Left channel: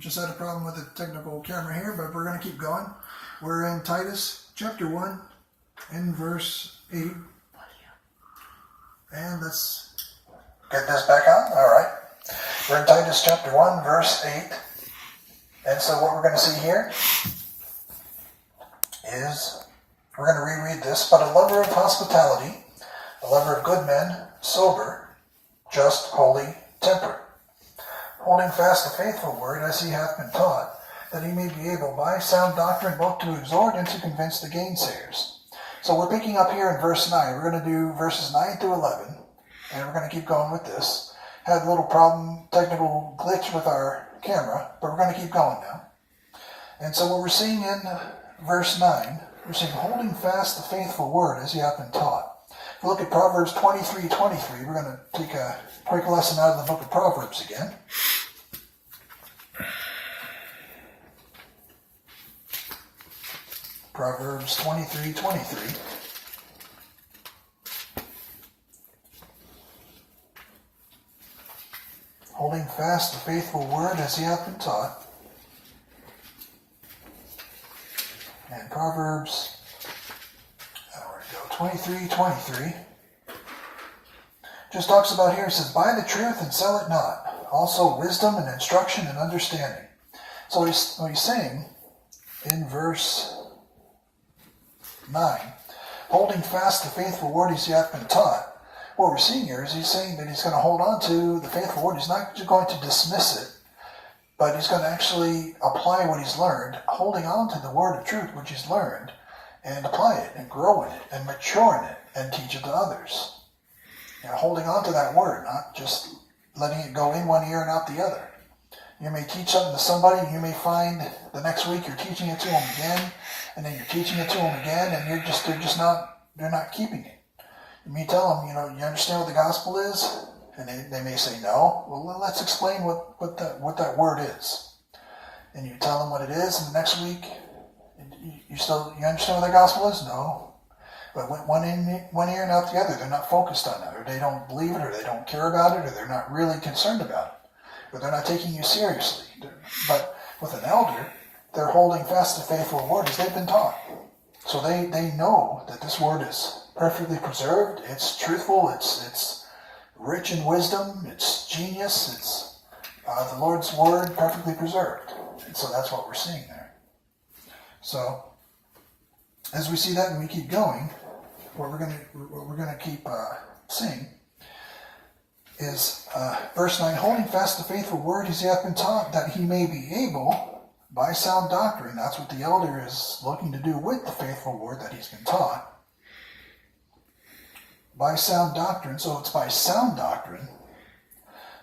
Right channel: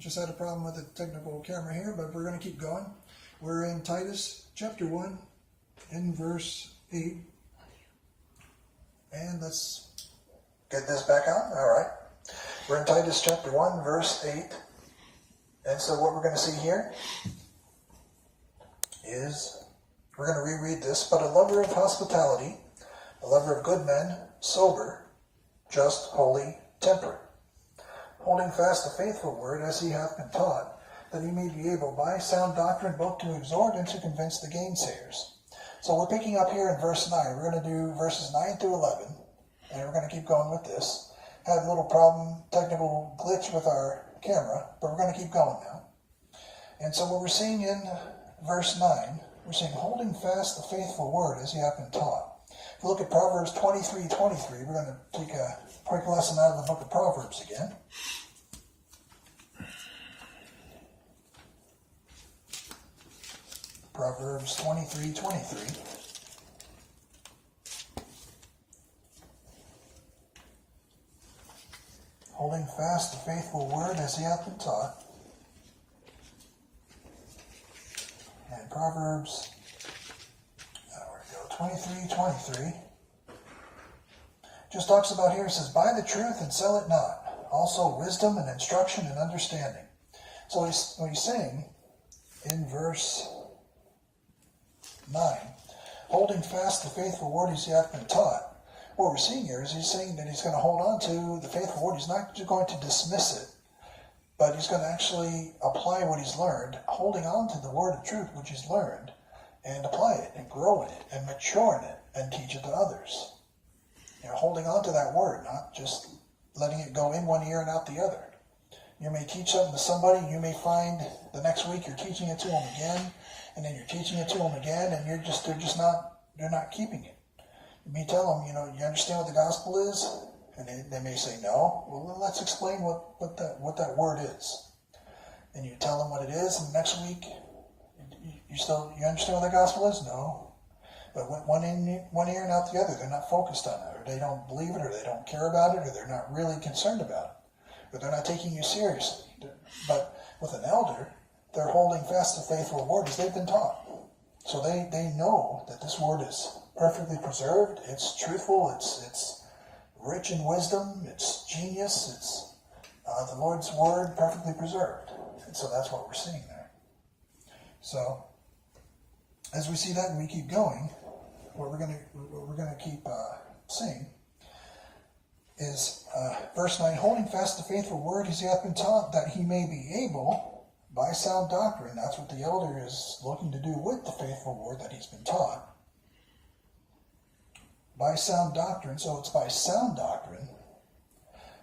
Just had a problem with the technical camera here, but we're going to keep going. We're in Titus chapter 1 in verse 8. And let's get this back on. All right. We're in Titus chapter 1 verse 8. And so what we're going to see here is, we're going to reread this, but a lover of hospitality, a lover of good men, sober, just, holy, temperate, holding fast the faithful word as he hath been taught, that he may be able by sound doctrine both to exhort and to convince the gainsayers. So we're picking up here in verse 9. We're going to do verses 9 through 11, and we're going to keep going with this. Had a little problem, technical glitch with our camera, but we're going to keep going now. And so what we're seeing in verse 9, we're seeing holding fast the faithful word as he hath been taught. If we look at Proverbs 23:23, we're going to take a quick lesson out of the book of Proverbs again. Proverbs 23:23. Holding fast the faithful word as he hath been taught. And Proverbs 23:23 just talks about here, it says, buy the truth and sell it not. Also wisdom and instruction and understanding. So what he's saying in verse 9, holding fast the faithful word as he hath been taught. What we're seeing here is he's saying that he's going to hold on to the faithful word. He's not just going to dismiss it, but he's going to actually apply what he's learned, holding on to the word of truth which he's learned, and apply it and grow in it and mature in it and teach it to others. Holding on to that word, not just letting it go in one ear and out the other. You may teach something to somebody, you may find the next week you're teaching it to them again, and then you're teaching it to them again, and they're not keeping it. You may tell them, you understand what the gospel is? And they may say no. Well, let's explain what that word is. And you tell them what it is, and the next week, you understand what the gospel is? No. But one ear and out the other, they're not focused on it, or they don't believe it, or they don't care about it, or they're not really concerned about it, or they're not taking you seriously. But with an elder, they're holding fast the faithful word as they've been taught. So they know that this word is perfectly preserved, it's truthful, it's rich in wisdom, it's genius, it's the Lord's word perfectly preserved. And so that's what we're seeing there. So as we see that and we keep going, what we're going to keep seeing is verse 9, holding fast the faithful word as he hath been taught, that he may be able, by sound doctrine, that's what the elder is looking to do with the faithful word that he's been taught, by sound doctrine, so it's by sound doctrine,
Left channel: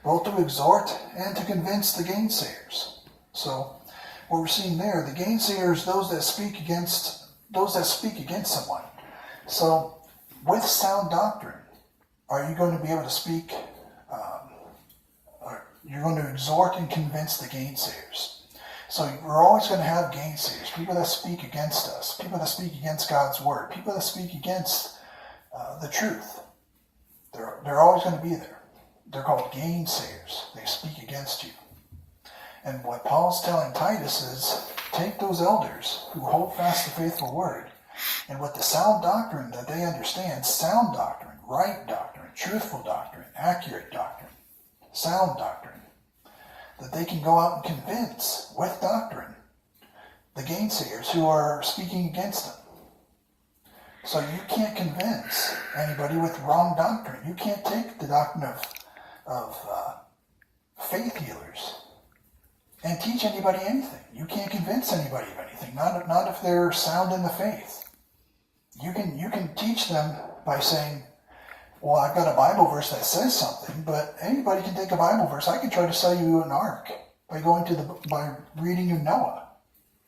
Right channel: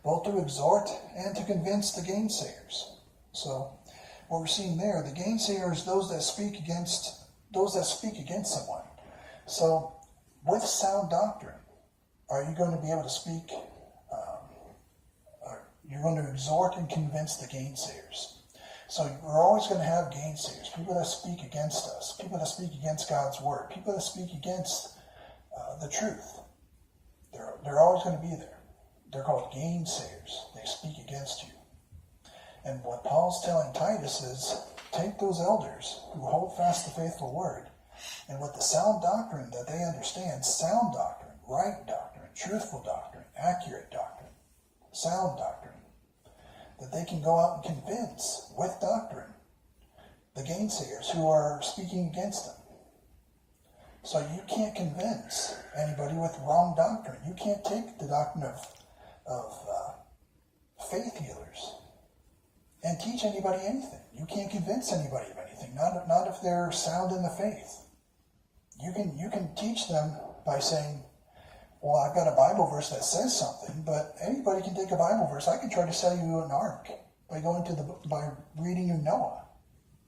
both to exhort and to convince the gainsayers. So what we're seeing there, the gainsayers, those that speak against someone. So with sound doctrine, are you going to be able to speak, you're going to exhort and convince the gainsayers. So we're always going to have gainsayers, people that speak against us, people that speak against God's word, people that speak against the truth. They're always going to be there. They're called gainsayers. They speak against you. And what Paul's telling Titus is, take those elders who hold fast the faithful word, and with the sound doctrine that they understand, sound doctrine, right doctrine, truthful doctrine, accurate doctrine, sound doctrine, that they can go out and convince with doctrine the gainsayers who are speaking against them. So you can't convince anybody with wrong doctrine. You can't take the doctrine of faith healers and teach anybody anything. You can't convince anybody of anything, not if they're sound in the faith. You can teach them by saying, well, I've got a Bible verse that says something, but anybody can take a Bible verse. I can try to sell you an ark by reading you Noah.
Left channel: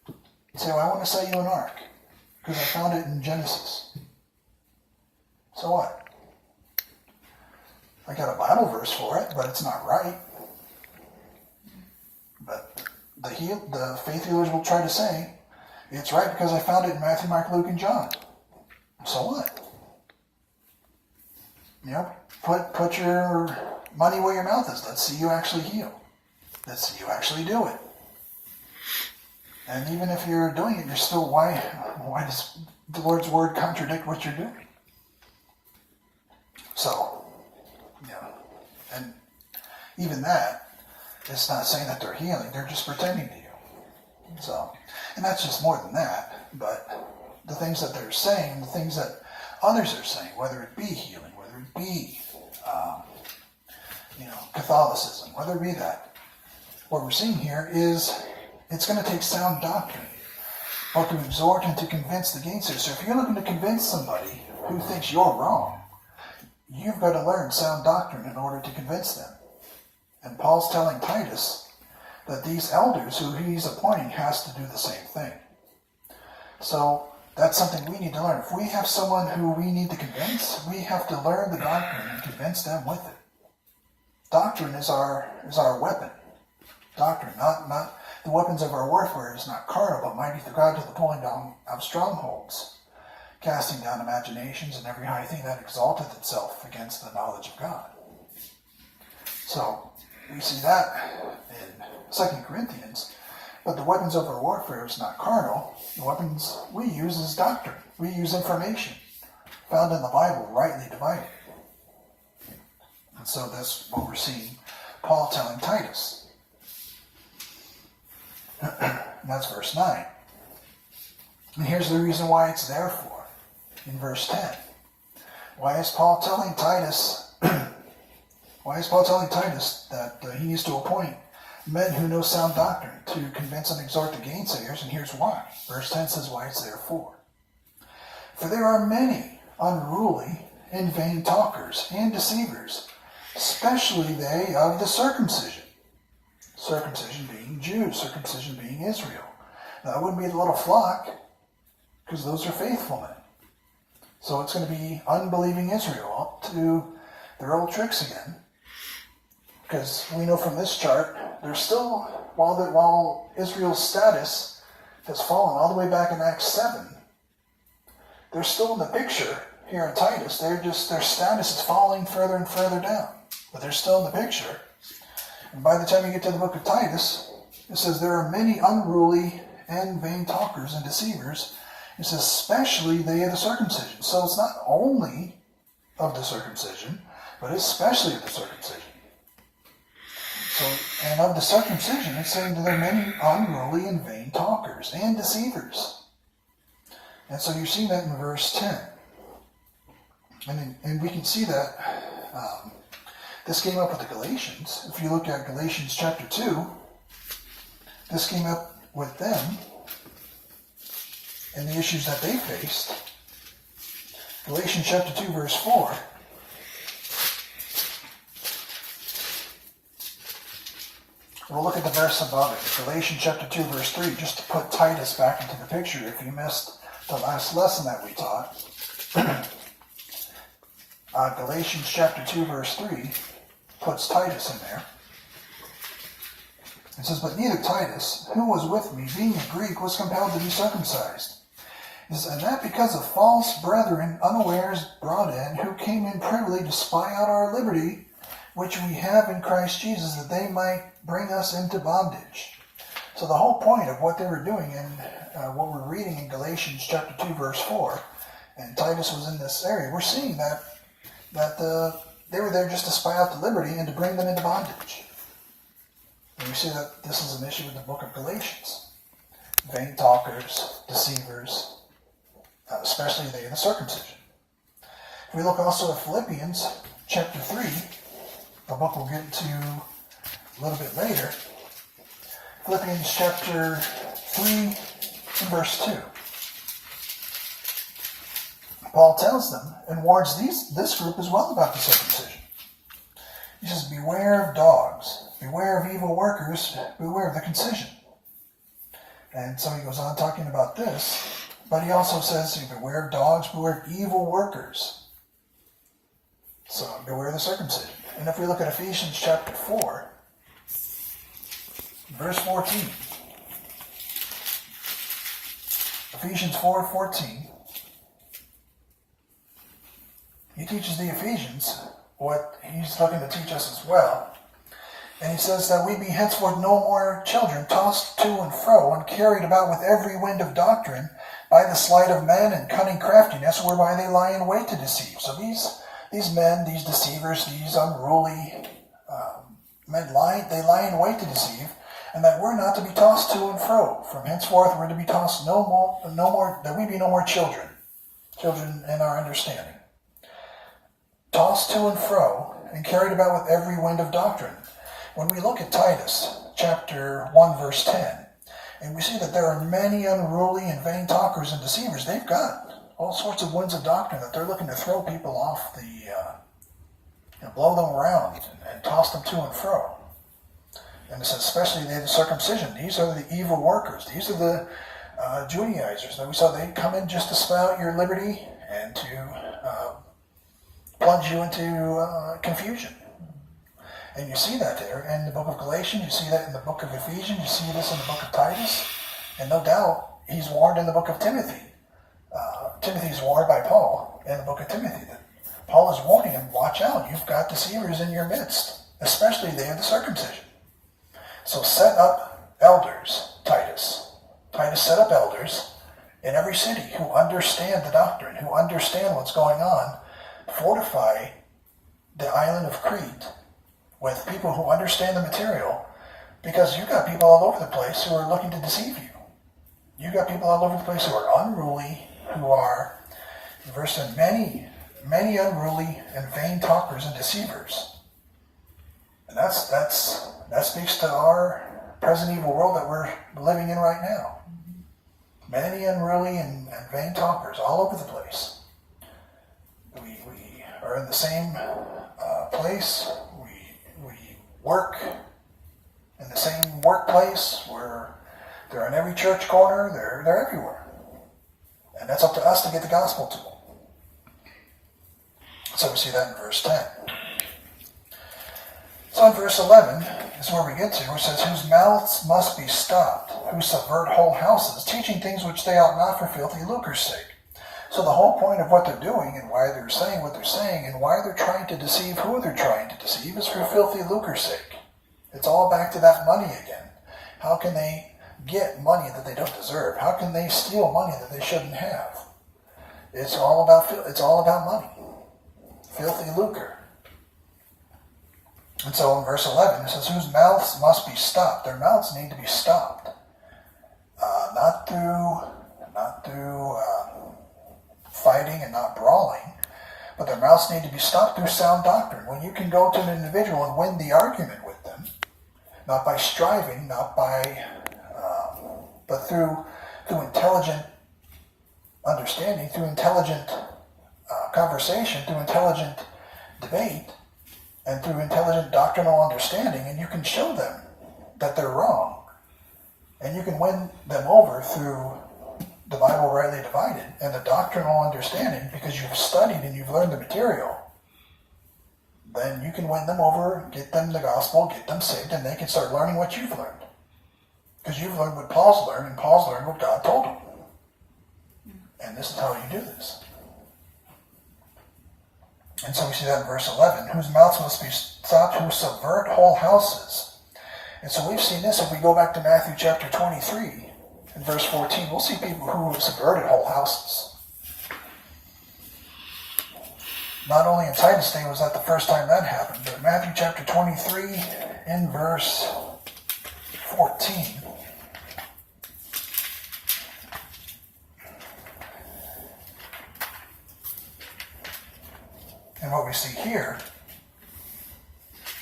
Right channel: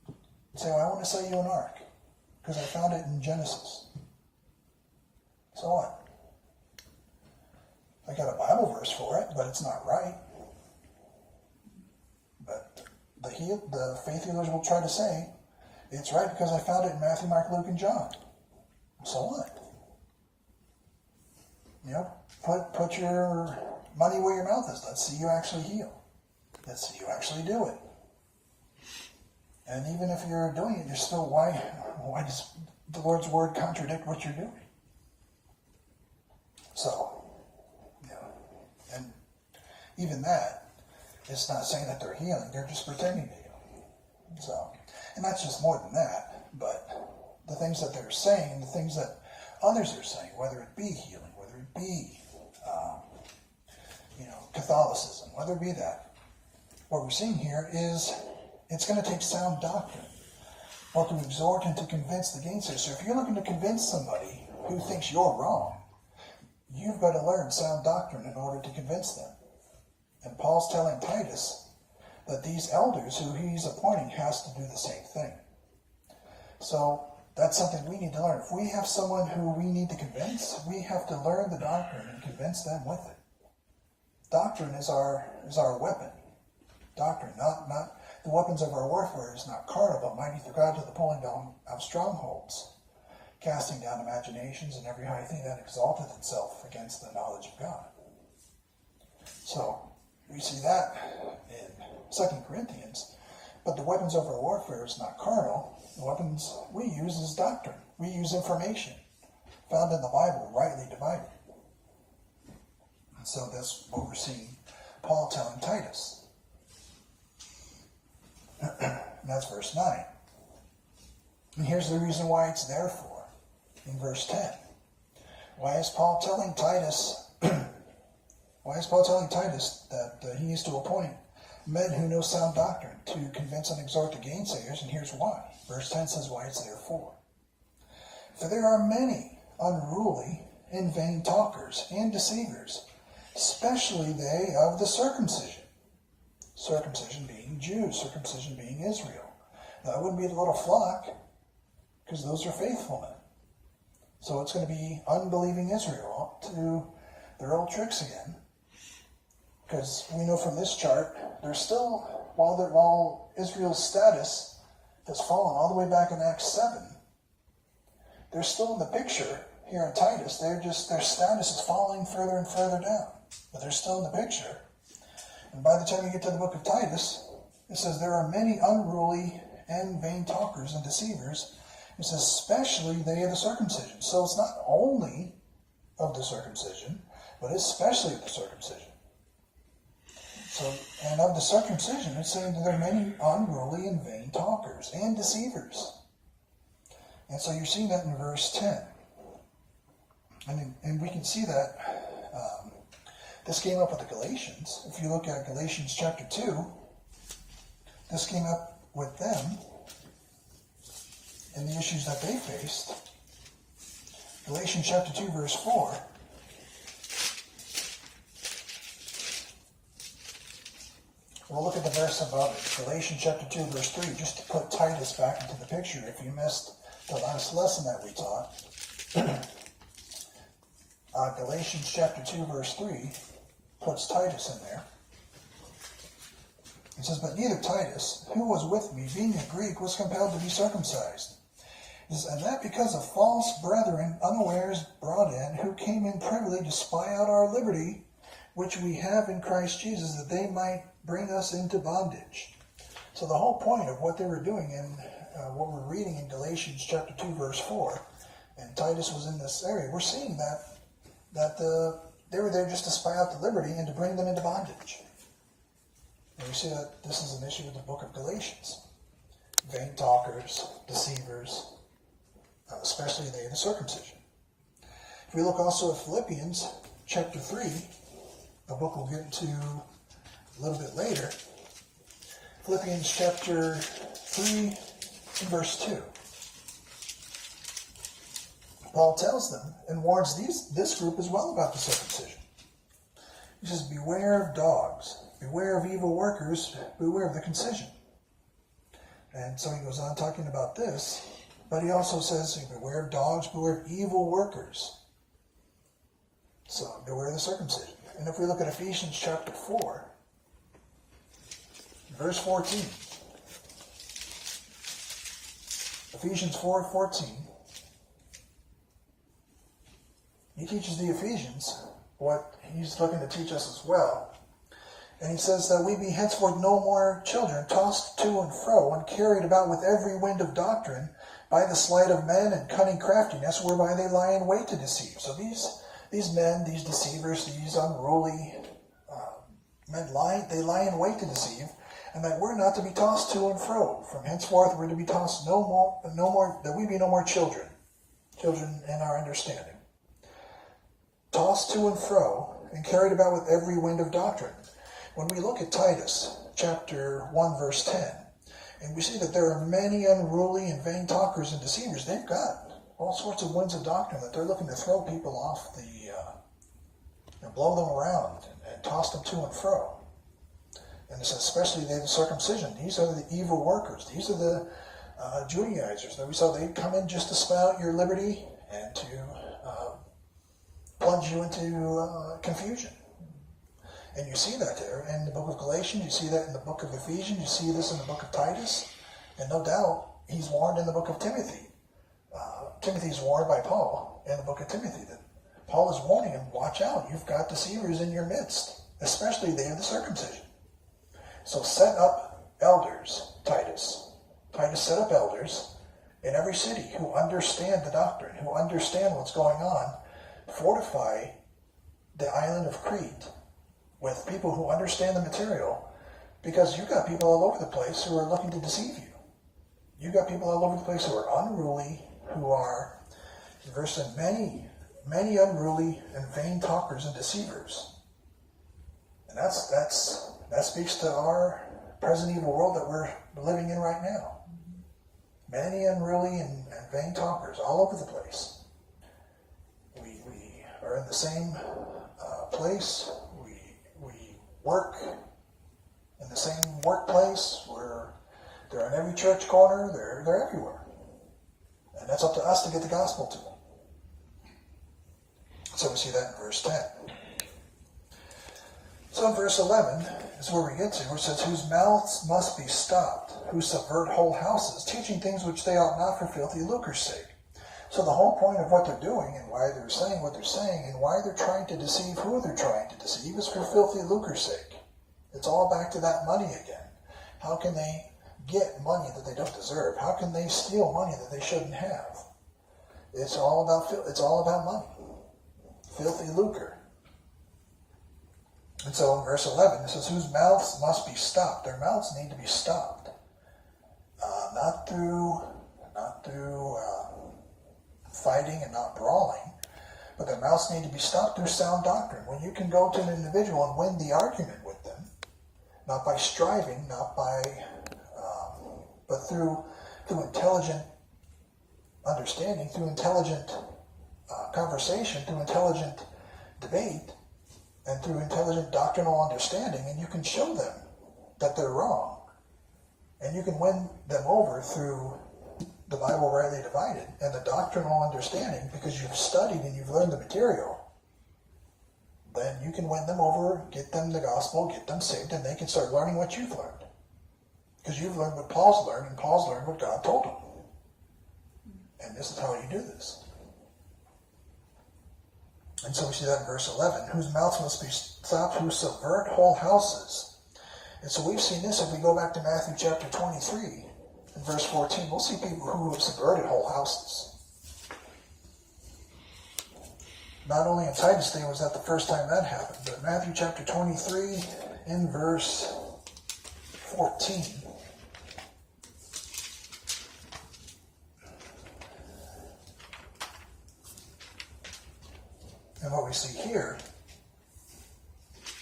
You say, well, I want to sell you an ark because I found it in Genesis. So what? I got a Bible verse for it, but it's not right. But the faith healers will try to say, it's right because I found it in Matthew, Mark, Luke, and John. So what? Put your money where your mouth is. Let's see you actually heal. Let's see you actually do it. And even if you're doing it, you're still, why does the Lord's word contradict what you're doing? So, and even that, it's not saying that they're healing, they're just pretending to you. So, and that's just more than that, but the things that they're saying, the things that others are saying, whether it be healing, whether it be, Catholicism, whether it be that, what we're seeing here is it's going to take sound doctrine, both to exhort and to convince the gainsayer. So if you're looking to convince somebody who thinks you're wrong, you've got to learn sound doctrine in order to convince them. And Paul's telling Titus that these elders who he's appointing has to do the same thing. So that's something we need to learn. If we have someone who we need to convince, we have to learn the doctrine and convince them with it. Doctrine is our weapon. Doctrine, not the weapons of our warfare is not carnal, but mighty through God to the pulling down of strongholds, casting down imaginations and every high thing that exalteth itself against the knowledge of God. So we see that in 2 Corinthians. But the weapons of our warfare is not carnal. The weapons we use is doctrine. We use information found in the Bible, rightly divided. And so that's what we're seeing Paul telling Titus. And that's verse 9. And here's the reason why it's there for. In verse 10. Why is Paul telling Titus that he needs to appoint men who know sound doctrine to convince and exhort the gainsayers? And here's why. Verse 10 says why it's there for. For there are many unruly and vain talkers and deceivers, especially they of the circumcision. Circumcision being Jews, circumcision being Israel. Now, that wouldn't be the little flock, because those are faithful men. So it's going to be unbelieving Israel up to their old tricks again. Because we know from this chart, they're still, while Israel's status has fallen all the way back in Acts 7, they're still in the picture here in Titus. Their status is falling further and further down. But they're still in the picture. And by the time you get to the book of Titus, it says there are many unruly and vain talkers and deceivers. It says especially they of the circumcision. So it's not only of the circumcision, but especially of the circumcision. So, and of the circumcision, it's saying that there are many unruly and vain talkers and deceivers. And so you see that in verse 10. And we can see that this came up with the Galatians. If you look at Galatians chapter 2, this came up with them and the issues that they faced. Galatians chapter 2, verse 4. We'll look at the verse above it. Galatians chapter 2, verse 3, just to put Titus back into the picture if you missed the last lesson that we taught. Galatians chapter 2, verse 3 puts Titus in there. It says, but neither Titus, who was with me, being a Greek, was compelled to be circumcised. It says, and that because of false brethren unawares brought in, who came in privily to spy out our liberty, which we have in Christ Jesus, that they might bring us into bondage. So the whole point of what they were doing in what we're reading in Galatians chapter 2, verse 4, and Titus was in this area, we're seeing that they were there just to spy out the liberty and to bring them into bondage. And we see that this is an issue in the book of Galatians. Vain talkers, deceivers, especially they of the circumcision. If we look also at Philippians chapter 3, the book we'll get to a little bit later. Philippians chapter 3, verse 2. Paul tells them and warns this group as well about the circumcision. He says, beware of dogs, beware of evil workers, beware of the concision. And so he goes on talking about this, but he also says, beware of dogs, beware of evil workers. So beware of the circumcision. And if we look at Ephesians chapter 4, verse 14. Ephesians 4:14. He teaches the Ephesians what he's looking to teach us as well. And he says that we be henceforth no more children, tossed to and fro, and carried about with every wind of doctrine, by the sleight of men and cunning craftiness, whereby they lie in wait to deceive. So these men, these deceivers, these unruly men, they lie in wait to deceive, and that we're not to be tossed to and fro. From henceforth we're to be tossed no more, that we be no more children in our understanding. Tossed to and fro, and carried about with every wind of doctrine. When we look at Titus, chapter 1, verse 10, and we see that there are many unruly and vain talkers and deceivers, they've got all sorts of winds of doctrine that they're looking to throw people off blow them around and toss them to and fro. And it says, especially they have the circumcision. These are the evil workers. These are the Judaizers. That we saw they come in just to spell out your liberty and to plunge you into confusion. And you see that there in the book of Galatians. You see that in the book of Ephesians. You see this in the book of Titus. And no doubt, he's warned in the book of Timothy. Timothy's warned by Paul in the book of Timothy. That Paul is warning him, watch out, you've got deceivers in your midst, especially they of the circumcision. So set up elders, Titus. Titus set up elders in every city who understand the doctrine, who understand what's going on. Fortify the island of Crete with people who understand the material, because you've got people all over the place who are looking to deceive you. You've got people all over the place who are unruly, who are, in verse 10, many unruly and vain talkers and deceivers. And that speaks to our present evil world that we're living in right now. Many unruly and vain talkers all over the place. We are in the same place. We work in the same workplace. They're in every church corner. They're everywhere. And that's up to us to get the gospel to them. So we see that in verse 10. So in verse 11 is where we get to, which says, whose mouths must be stopped, who subvert whole houses, teaching things which they ought not for filthy lucre's sake. So the whole point of what they're doing and why they're saying what they're saying and why they're trying to deceive who they're trying to deceive is for filthy lucre's sake. It's all back to that money again. How can they get money that they don't deserve? How can they steal money that they shouldn't have? It's all about money. Filthy lucre. And so in verse 11 it says, whose mouths must be stopped. Their mouths need to be stopped. Not through fighting and not brawling, but their mouths need to be stopped through sound doctrine. When you can go to an individual and win the argument with them, not by striving, but through intelligent understanding, through intelligent conversation, through intelligent debate, and through intelligent doctrinal understanding, and you can show them that they're wrong, and you can win them over through the Bible rightly divided and the doctrinal understanding, because you've studied and you've learned the material. Then you can win them over, get them the gospel, get them saved, and they can start learning what you've learned. Because you've learned what Paul's learned, and Paul's learned what God told him. And this is how you do this. And so we see that in verse 11, whose mouths must be stopped, who subvert whole houses. And so we've seen this if we go back to Matthew chapter 23, in verse 14, we'll see people who have subverted whole houses. Not only in Titus' day was that the first time that happened, but in Matthew chapter 23, in verse 14, and what we see here,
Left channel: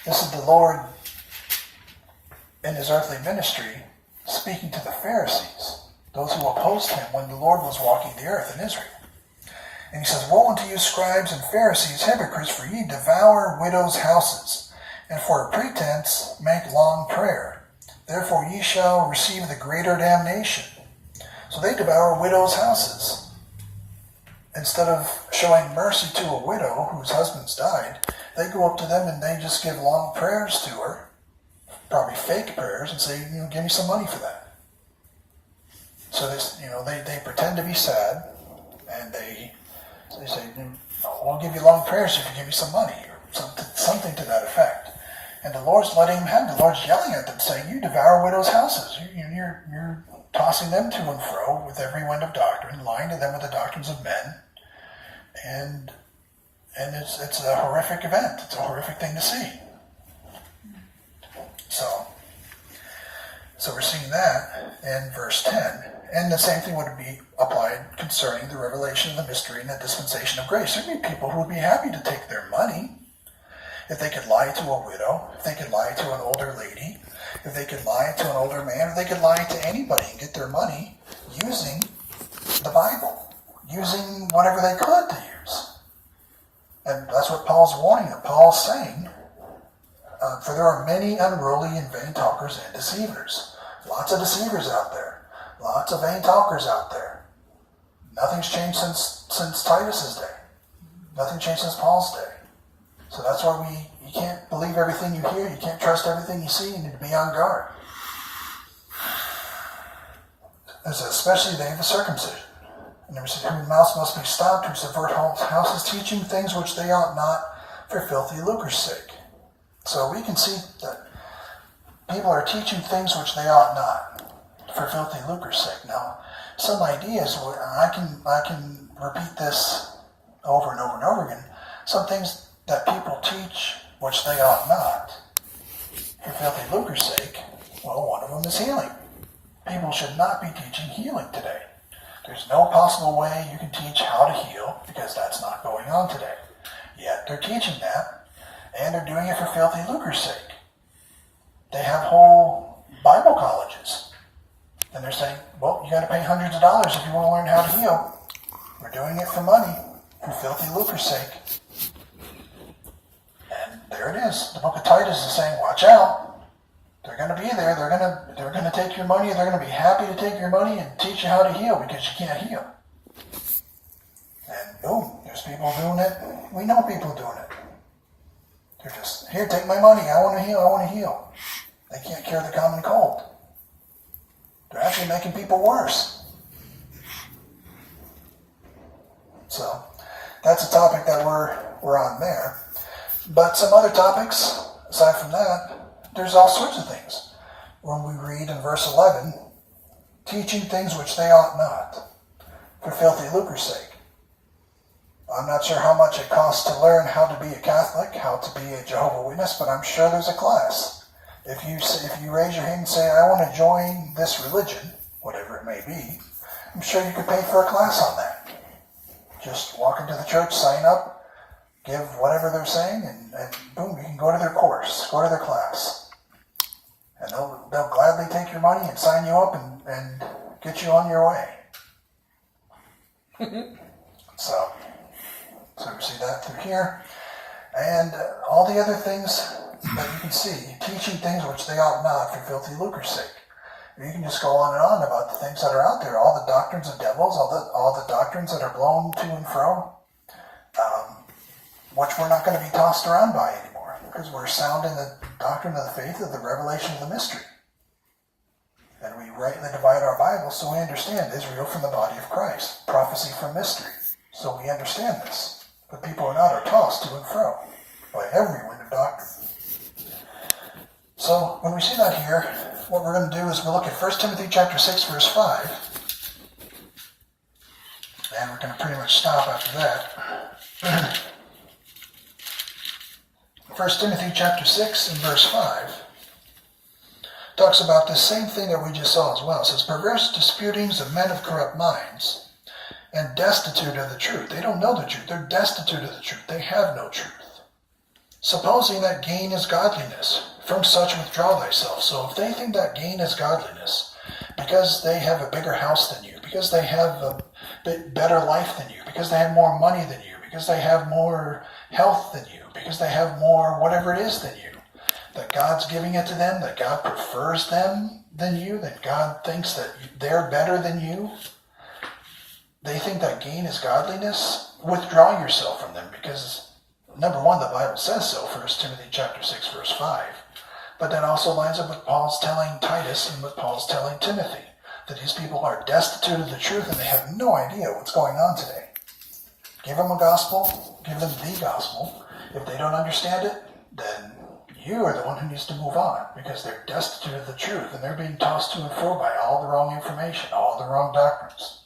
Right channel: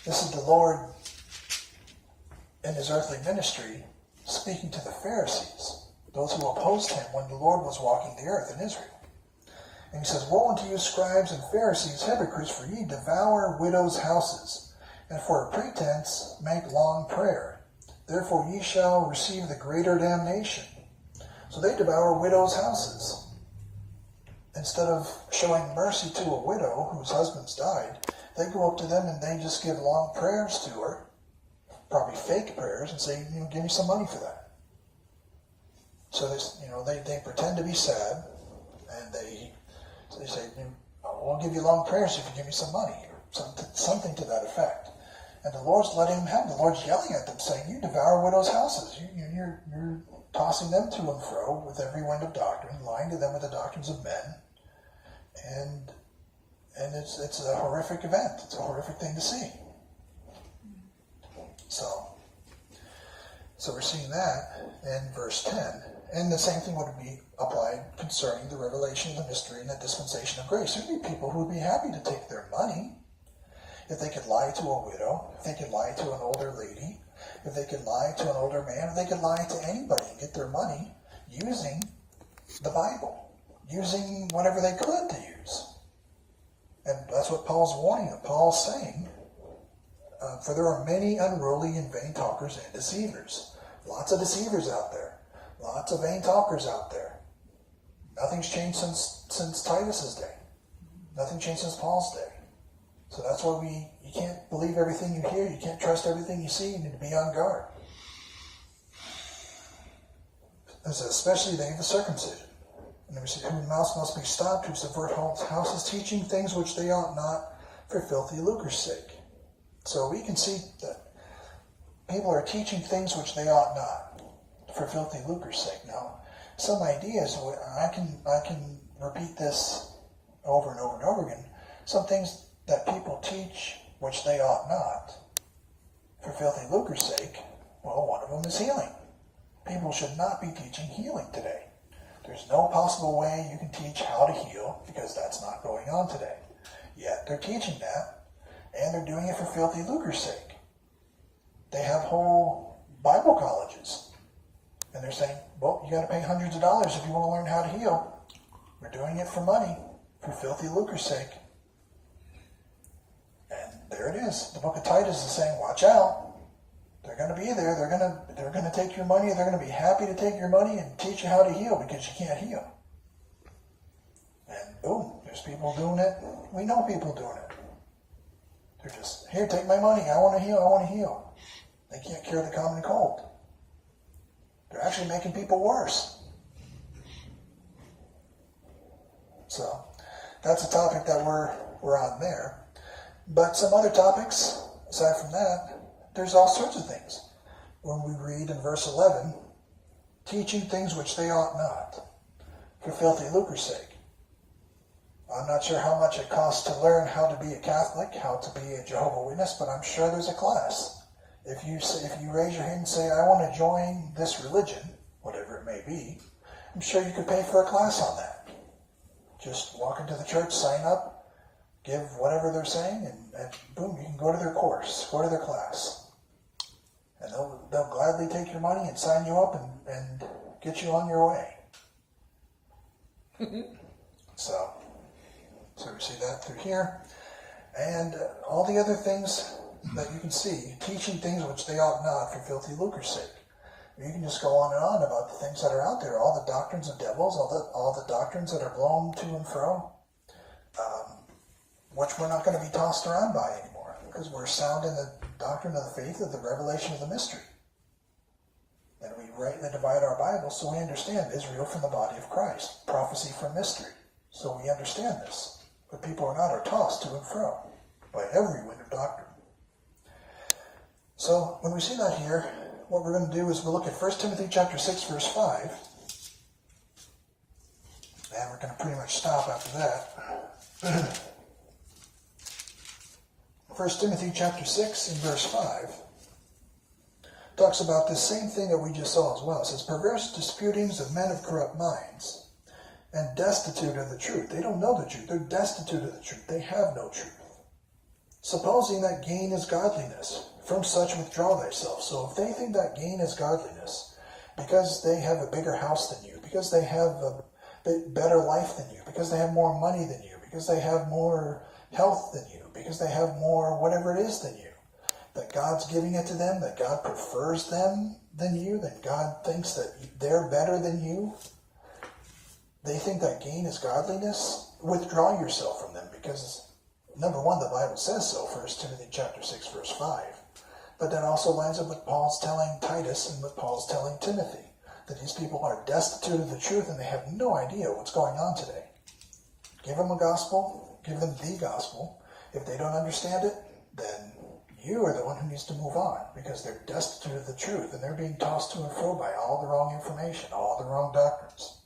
this is the Lord in his earthly ministry speaking to the Pharisees, those who opposed him when the Lord was walking the earth in Israel. And he says, woe unto you, scribes and Pharisees, hypocrites, for ye devour widows' houses, and for a pretense make long prayer. Therefore ye shall receive the greater damnation. So they devour widows' houses. Instead of showing mercy to a widow whose husband's died, they go up to them and they just give long prayers to her, probably fake prayers, and say, give me some money for that. So they pretend to be sad, and they say, I'll give you long prayers if you give me some money, or something to that effect. And the Lord's letting them have. The Lord's yelling at them, saying, "You devour widows' houses. You're tossing them to and fro with every wind of doctrine, lying to them with the doctrines of men." And it's a horrific event. It's a horrific thing to see. So we're seeing that in verse 10. And the same thing would be applied concerning the revelation of the mystery and the dispensation of grace. There'd be people who would be happy to take their money if they could lie to a widow, if they could lie to an older lady, if they could lie to an older man, if they could lie to anybody and get their money using the Bible, using whatever they could to use. And that's what Paul's warning them. Paul's saying, for there are many unruly and vain talkers and deceivers. Lots of deceivers out there. Lots of vain talkers out there. Nothing's changed since Titus's day. Nothing changed since Paul's day. So that's why you can't believe everything you hear. You can't trust everything you see. You need to be on guard. There's especially the day of the circumcision. And there said, "Whose mouths must be stopped, who subvert whole houses, teaching things which they ought not, for filthy lucre's sake." So we can see that people are teaching things which they ought not, for filthy lucre's sake. Now, some ideas, I can repeat this over and over and over again. Some things that people teach which they ought not, for filthy lucre's sake. Well, one of them is healing. People should not be teaching healing today. There's no possible way you can teach how to heal, because that's not going on today. Yet they're teaching that, and they're doing it for filthy lucre's sake. They have whole Bible colleges, and they're saying, "Well, you got to pay hundreds of dollars if you want to learn how to heal. We're doing it for money, for filthy lucre's sake." And there it is. The book of Titus is saying, watch out. They're going to be there. They're going to take your money. They're going to be happy to take your money and teach you how to heal, because you can't heal. And boom, there's people doing it. We know people doing it. They're just, "Here, take my money. I want to heal. I want to heal." They can't cure the common cold. They're actually making people worse. So that's a topic that we're on there. But some other topics, aside from that, there's all sorts of things. When we read in verse 11, teaching things which they ought not, for filthy lucre's sake. I'm not sure how much it costs to learn how to be a Catholic, how to be a Jehovah's Witness, but I'm sure there's a class. If you raise your hand and say, "I want to join this religion," whatever it may be, I'm sure you could pay for a class on that. Just walk into the church, sign up, give whatever they're saying, and boom, you can go to their course, go to their class. And they'll gladly take your money and sign you up and get you on your way. So we see that through here. And all the other things that you can see, teaching things which they ought not, for filthy lucre's sake. You can just go on and on about the things that are out there, all the doctrines of devils, all the doctrines that are blown to and fro, which we're not going to be tossed around by anymore, because we're sound in the doctrine of the faith of the revelation of the mystery. And we rightly divide our Bible, so we understand Israel from the body of Christ, prophecy from mystery. So we understand this. But people are tossed to and fro by every wind of doctrine. So when we see that here, what we're going to do is we'll look at 1 Timothy chapter 6, verse 5. And we're going to pretty much stop after that. 1 Timothy chapter 6 and verse 5 talks about this same thing that we just saw as well. It says, "Perverse disputings of men of corrupt minds, and destitute of the truth." They don't know the truth. They're destitute of the truth. They have no truth. "Supposing that gain is godliness, from such withdraw thyself." So if they think that gain is godliness, because they have a bigger house than you, because they have a better life than you, because they have more money than you, because they have more health than you, because they have more whatever it is than you, that God's giving it to them, that God prefers them than you, that God thinks that they're better than you, they think that gain is godliness, withdraw yourself from them, because number one, the Bible says so, 1 Timothy chapter 6, verse 5. But that also lines up with Paul's telling Titus and what Paul's telling Timothy, that these people are destitute of the truth and they have no idea what's going on today. Give them a gospel, give them the gospel. If they don't understand it, then You are the one who needs to move on because they're destitute of the truth and they're being tossed to and fro by all the wrong information, all the wrong doctrines.